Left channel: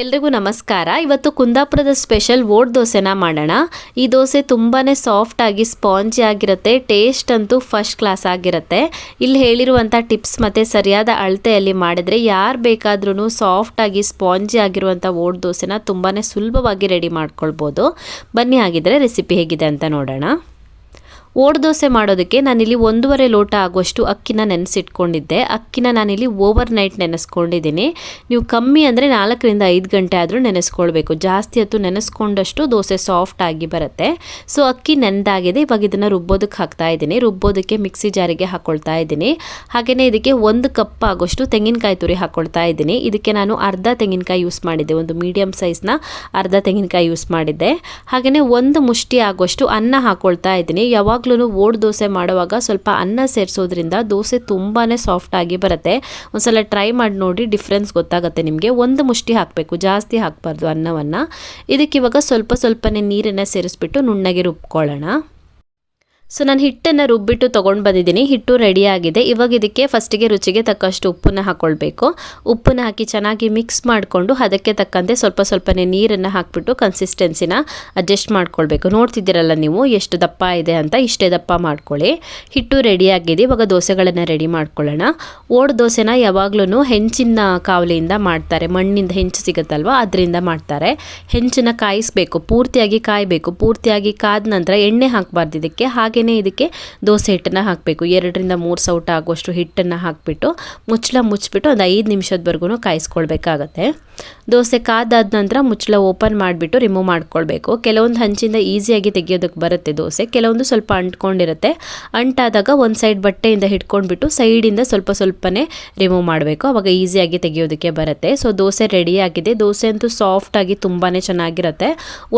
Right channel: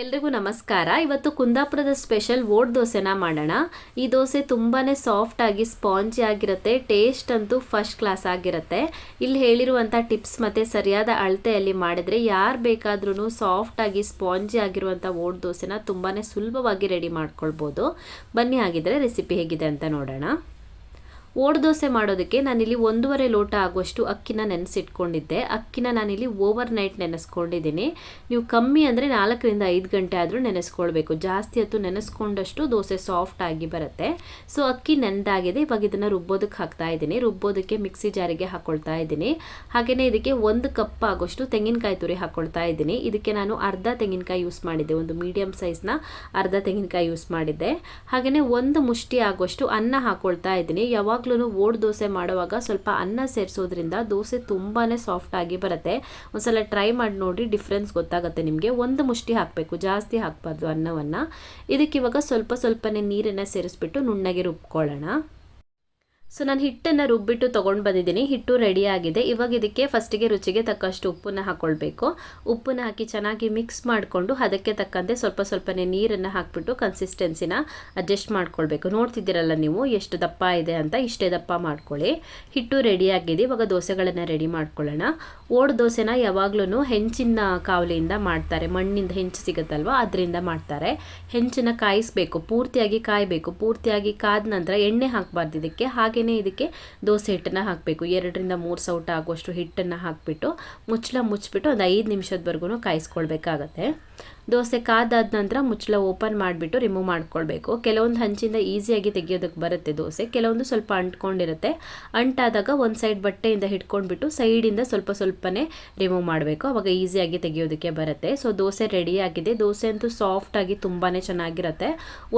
ಎಲ್ರಿಗೂ ನಮಸ್ಕಾರ. ಇವತ್ತು ಕುಂದಾಪುರದ ಸ್ಪೆಷಲ್ ಓಟ್ ದೋಸೆನ ಮಾಡೋಣ. ಈ ದೋಸೆ ತುಂಬಾ ಸಾಫ್ಟ್ ಆಗಿ ಸ್ಪಾಂಜಿ ಆಗಿರುತ್ತೆ. ಟೇಸ್ಟ್ ಅಂತೂ ಫಸ್ಟ್ ಕ್ಲಾಸ್ ಆಗಿರುತ್ತೆ. ಇಲ್ಲಿ ಹೇಳಿರುವಂಥ ಟಿಪ್ಸ್ ಮತ್ತು ಸರಿಯಾದ ಅಳತೆಯಲ್ಲಿ ಮಾಡಿದರೆ ಯಾರು ಬೇಕಾದ್ರೂ ಸಾಫ್ಟ್ ಆಗಿ ಸ್ಪಾಂಜಿ ಆಗಿರುವಂಥ ಓಟ್ ದೋಸೆನ ತುಂಬಾ ಸುಲಭವಾಗಿ ರೆಡಿ ಮಾಡ್ಕೊಳ್ಬೋದು. ಬನ್ನಿ ಹಾಗಿದ್ರೆ ರೆಸಿಪಿ ಹೇಗಿದೆ ಅಂತ ನೋಡೋಣ. ಓಟ್ ದೋಸೆ ಮಾಡೋದಕ್ಕೆ ನಾನಿಲ್ಲಿ 1.5 ಲೋಟ ಆಗುವಷ್ಟು ಅಕ್ಕಿನ ನೆನೆಸಿಟ್ಕೊಂಡಿದ್ದೆ. ಅಕ್ಕಿನ ನಾನಿಲ್ಲಿ ಓವರ್ ನೈಟ್ ನೆನೆಸ್ಕೊಂಡಿದ್ದೀನಿ. ನೀವು ಕಮ್ಮಿ ಅಂದರೆ 4 ರಿಂದ 5 ಗಂಟೆ ಆದರೂ ನೆನೆಸ್ಕೊಳ್ಬೇಕು. ಜಾಸ್ತಿ ಹೊತ್ತು ನೆನೆಸ್ಕೊಂಡಷ್ಟು ದೋಸೆ ಸಾಫ್ಟ್ ಆಗಿ ಬರುತ್ತೆ. ಸೊ ಅಕ್ಕಿ ನೆಂದಾಗಿದೆ. ಇವಾಗ ಇದನ್ನು ರುಬ್ಬೋದಕ್ಕೆ ಹಾಕ್ತಾ ಇದ್ದೀನಿ. ರುಬ್ಬೋದಕ್ಕೆ ಮಿಕ್ಸಿ ಜಾರಿಗೆ ಹಾಕ್ಕೊಳ್ತಾ ಇದ್ದೀನಿ. ಹಾಗೆಯೇ ಇದಕ್ಕೆ 1 ಕಪ್ ಆಗೋಷ್ಟು ತೆಂಗಿನಕಾಯಿ ತುರಿ ಹಾಕ್ಕೊಳ್ತಾ ಇದ್ದೀನಿ. ಇದಕ್ಕೆ ನಾನು ಅರ್ಧ ತೆಂಗಿನಕಾಯಿ ಯೂಸ್ ಮಾಡಿದ್ದೆ. ಒಂದು ಮೀಡಿಯಮ್ ಸೈಜ್ನ ಅರ್ಧ ತೆಂಗಿನಕಾಯಿ ಯೂಸ್ ಮಾಡಿದ್ದೆ. ಹಾಗೆಯೇ 1 ಮುಷ್ಟಿ ಆಗುವಷ್ಟು ಅನ್ನ ಹಾಕ್ಕೊಳ್ತಾ ಇದ್ದೀನಿ. ಯಾವಾಗಲೂ ಓಟ್ ದೋಸೆ ಮಾಡುವಾಗ ಸ್ವಲ್ಪ ಅನ್ನ ಸೇರಿಸೋದ್ರಿಂದ ದೋಸೆ ತುಂಬಾ ಸಾಫ್ಟ್ ಆಗಿ ಬರುತ್ತೆ. ಒಂದ್ಸಲ ಟ್ರೈ ಮಾಡಿ ನೋಡಿ, ಡಿಫ್ರೆನ್ಸ್ ಗೊತ್ತಾಗುತ್ತೆ ನಿಮಗೆ. 1 ಮುಷ್ಟಿ ಹಾಕಬೇಕು, ಜಾಸ್ತಿ ಹಾಕಬಾರ್ದು ಅನ್ನವನ್ನು. ಇದಕ್ಕೆ ಇವಾಗ ಸ್ವಲ್ಪನೇ ನೀರನ್ನು ಸೇರಿಸ್ಬಿಟ್ಟು ನುಣ್ಣಗೆ ರುಬ್ಕೊಳ್ಳೋಣ. ಸೊ ನಾನು ಹಿಟ್ಟನ್ನು ರುಬ್ಬಿಟ್ಟು ತೊಗೊಂಡು ಬಂದಿದ್ದೀನಿ. ಹಿಟ್ಟು ರೆಡಿಯಾಗಿದೆ. ಇವಾಗ ಇದಕ್ಕೆ ಫಸ್ಟಿಗೆ ರುಚಿಗೆ ತಕ್ಕಷ್ಟು ಉಪ್ಪನ್ನು ಹಾಕ್ಕೊಳ್ಬೇಕು. ಉಪ್ಪನ್ನು ಹಾಕಿ ಚೆನ್ನಾಗಿ ಮಿಕ್ಸ್ ಮಾಡಿಕೊಂಡು ಅದಕ್ಕೆ ತಕ್ಕಂತೆ ಸ್ವಲ್ಪನೇ ನೀರನ್ನು ಹಾಕಿಬಿಟ್ಟು ಕನ್ಸಿಸ್ಟೆನ್ಸಿನ ಅಡ್ಜಸ್ಟ್ ಮಾಡ್ಕೊಳ್ಬೇಕು. ನೋಡ್ತಿದ್ದೀರಲ್ಲ ನೀವು ಎಷ್ಟು ದಪ್ಪ ಇದೆ ಅಂತ, ಇಷ್ಟೇ ದಪ್ಪ ಮಾಡ್ಕೊಳ್ಳಿ. ಹಿಟ್ಟು ರೆಡಿಯಾಗಿದೆ. ಇವಾಗ ದೋಸೆಗಳನ್ನು ರೆಡಿ ಮಾಡ್ಕೊಳ್ಳೋಣ. ಓಟ್ ದೋಸೆನ ಯಾವಾಗ್ಲೂ ಹೆಂಚಿನ ಕಾವಲಿಯಿಂದ ಮಾಡ್ತಾರೆ. ಮಣ್ಣಿಂದ ಹೆಂಚು ಸಿಗುತ್ತಲ್ವ, ಅದರಿಂದ ಮಾಡ್ತಾರೆ. ಹೆಂಚನ್ನು ಕಾಯಿಸಬೇಕು, ಪೂರ್ತಿಯಾಗಿ ಕಾಯಬೇಕು. ಪೂರ್ತಿಯಾಗಿ ಕಾದ ನಂತರ ಎಣ್ಣೆ ಹಾಕಬಾರ್ದು ಇದಕ್ಕೆ. ಹಾಗೆ ಇದಕ್ಕೆ ದೋಸೆ ಹಿಟ್ಟನ್ನು ಹಾಕಬೇಕು. 2 ರಿಂದ 3 ಸೌಟ ಆಗುವಷ್ಟು ಹಿಟ್ಟನ್ನು ಹಾಕಿಬಿಟ್ಟು ಮುಚ್ಚಿಬಿಟ್ಟು ಒಂದು 5 ನಿಮಿಷದವರೆಗೂ ಕಾಯಿಸ್ಕೊಳ್ಬೇಕಾಗತ್ತೆ. ದೋಸೆ ಕಾದಾದ ನಂತರ ಮುಚ್ಚಳ ಓಪನ್ ಮಾಡಿಬಿಟ್ಟು ರಿಮೂವ್ ಮಾಡ್ಕೊಳ್ಬೇಕು. ಕೆಲವೊಂದು ಹಂಚಿಂದ ಈಸಿಯಾಗಿ ತೆಗಿಯೋದಕ್ಕೆ ಬರುತ್ತೆ ದೋಸೆ, ಕೆಲವೊಂದು ಸ್ವಲ್ಪ ಅಂಟ್ಕೊಂಡಿರುತ್ತೆ. ಅಂಟಾದಾಗ ಒಂದು ಸೈಡ್ ಬಟ್ಟೆಯಿಂದ ಹಿಡ್ಕೊಂಡ್ಬಿಟ್ಟು ಸೈಡಿಂದ ಸ್ವಲ್ಪನೇ ರಿಮೂವ್ ಮಾಡಬೇಕು. ಅವಾಗ ಈಸಿಯಾಗಿ ತೆಗಿಯೋದಕ್ಕೆ ಬರುತ್ತೆ. ಸೊ ದೋಸೆ ರೆಡಿಯಾಗಿದೆ. ದೋಸೆ ಅಂತೂ ಸಾಫ್ಟಾಗಿ ತುಂಬಾ ಚೆನ್ನಾಗಿರುತ್ತೆ.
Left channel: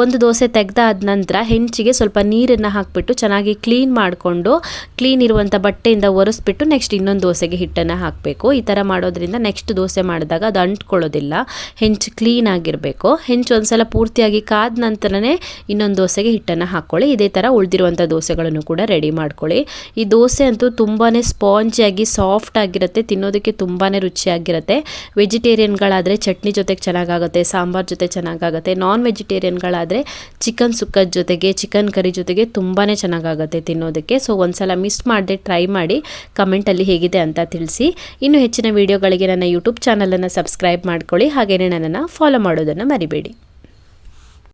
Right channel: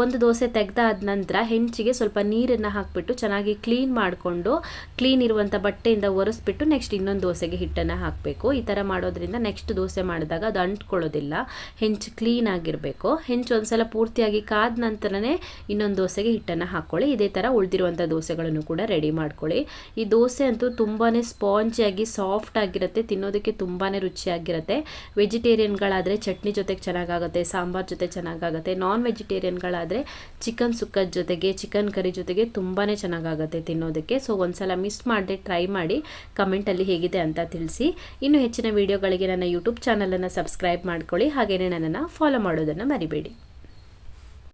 ಒಂದು ದೋಸೆ ತೆಗೆದಾದ ನಂತರ ಹೆಂಚಿಗೆ ಸ್ವಲ್ಪ ನೀರನ್ನು ಹಾಕಿಬಿಟ್ಟು ಚೆನ್ನಾಗಿ ಕ್ಲೀನ್ ಮಾಡಿಕೊಂಡು, ಕ್ಲೀನ್ ಇರುವಂಥ ಬಟ್ಟೆಯಿಂದ ಒರೆಸ್ಬಿಟ್ಟು ನೆಕ್ಸ್ಟ್ ಇನ್ನೊಂದು ದೋಸೆಗೆ ಹಿಟ್ಟನ್ನು ಹಾಕಬೇಕು. ಈ ಥರ ಮಾಡೋದ್ರಿಂದ ನೆಕ್ಸ್ಟ್ ದೋಸೆ ಮಾಡಿದಾಗ ಅದು ಅಂಟ್ಕೊಳ್ಳೋದಿಲ್ಲ. ಹೆಂಚು ಕ್ಲೀನ್ ಆಗಿರಬೇಕು. ಹೆಂಚು ಒಂದ್ಸಲ ಪೂರ್ತಿಯಾಗಿ ಕಾದ ನಂತರನೇ ಇನ್ನೊಂದು ದೋಸೆಗೆ ಹಿಟ್ಟನ್ನು ಹಾಕ್ಕೊಳ್ಳಿ. ಇದೇ ಥರ ಉಳಿದಿರುವಂಥ ದೋಸೆಗಳನ್ನು ಕೂಡ ರೆಡಿ ಮಾಡ್ಕೊಳ್ಳಿ. ಈ ದೋಸೆ ಅಂತೂ ತುಂಬಾ ಸ್ಪಾಂಜಿಯಾಗಿ ಸಾಫ್ಟ್ ಆಗಿರುತ್ತೆ. ತಿನ್ನೋದಕ್ಕೆ ತುಂಬಾ ರುಚಿಯಾಗಿರುತ್ತೆ. ವೆಜಿಟೇರಿಯನ್ಗಳಾದರೆ ಚಟ್ನಿ ಜೊತೆಗೆ ಚೆನ್ನಾಗಾಗುತ್ತೆ, ಸಾಂಬಾರ್ ಜೊತೆ ಚೆನ್ನಾಗಾಗುತ್ತೆ. ನಾನ್ ವೆಜಿಟೇರಿಯನ್ಗಳಾದರೆ ಚಿಕನ್ ಸುಕ್ಕದ ಜೊತೆಗೆ, ಚಿಕನ್ ಕರಿ ಜೊತೆಗೆ ತುಂಬಾ ಚೆನ್ನಾಗಾಗುತ್ತೆ ತಿನ್ನೋದಕ್ಕೆ. ಸೊ ಒಂದ್ಸಲ ಮಿಸ್ ಮಾಡದೆ ಟ್ರೈ ಮಾಡಿ, ಕಮೆಂಟಲ್ಲಿ ಹೇಗಿದೆ ಅಂತ ತಿಳಿಸಿ. ಇನ್ನು ಹೆಚ್ಚಿನ ವಿಡಿಯೋಗಳಿಗೆ ನನ್ನ ಯೂಟ್ಯೂಬ್ ಚಾನಲನ್ನು ಸಬ್ಸ್ಕ್ರೈಬ್ ಮಾಡ್ಕೊಳ್ಳಿ. ಹಾಗೆಯೇ ನನ್ನನ್ನು ಫಾಲೋ ಮಾಡೋದನ್ನು ಮರಿಬೇಡಿ.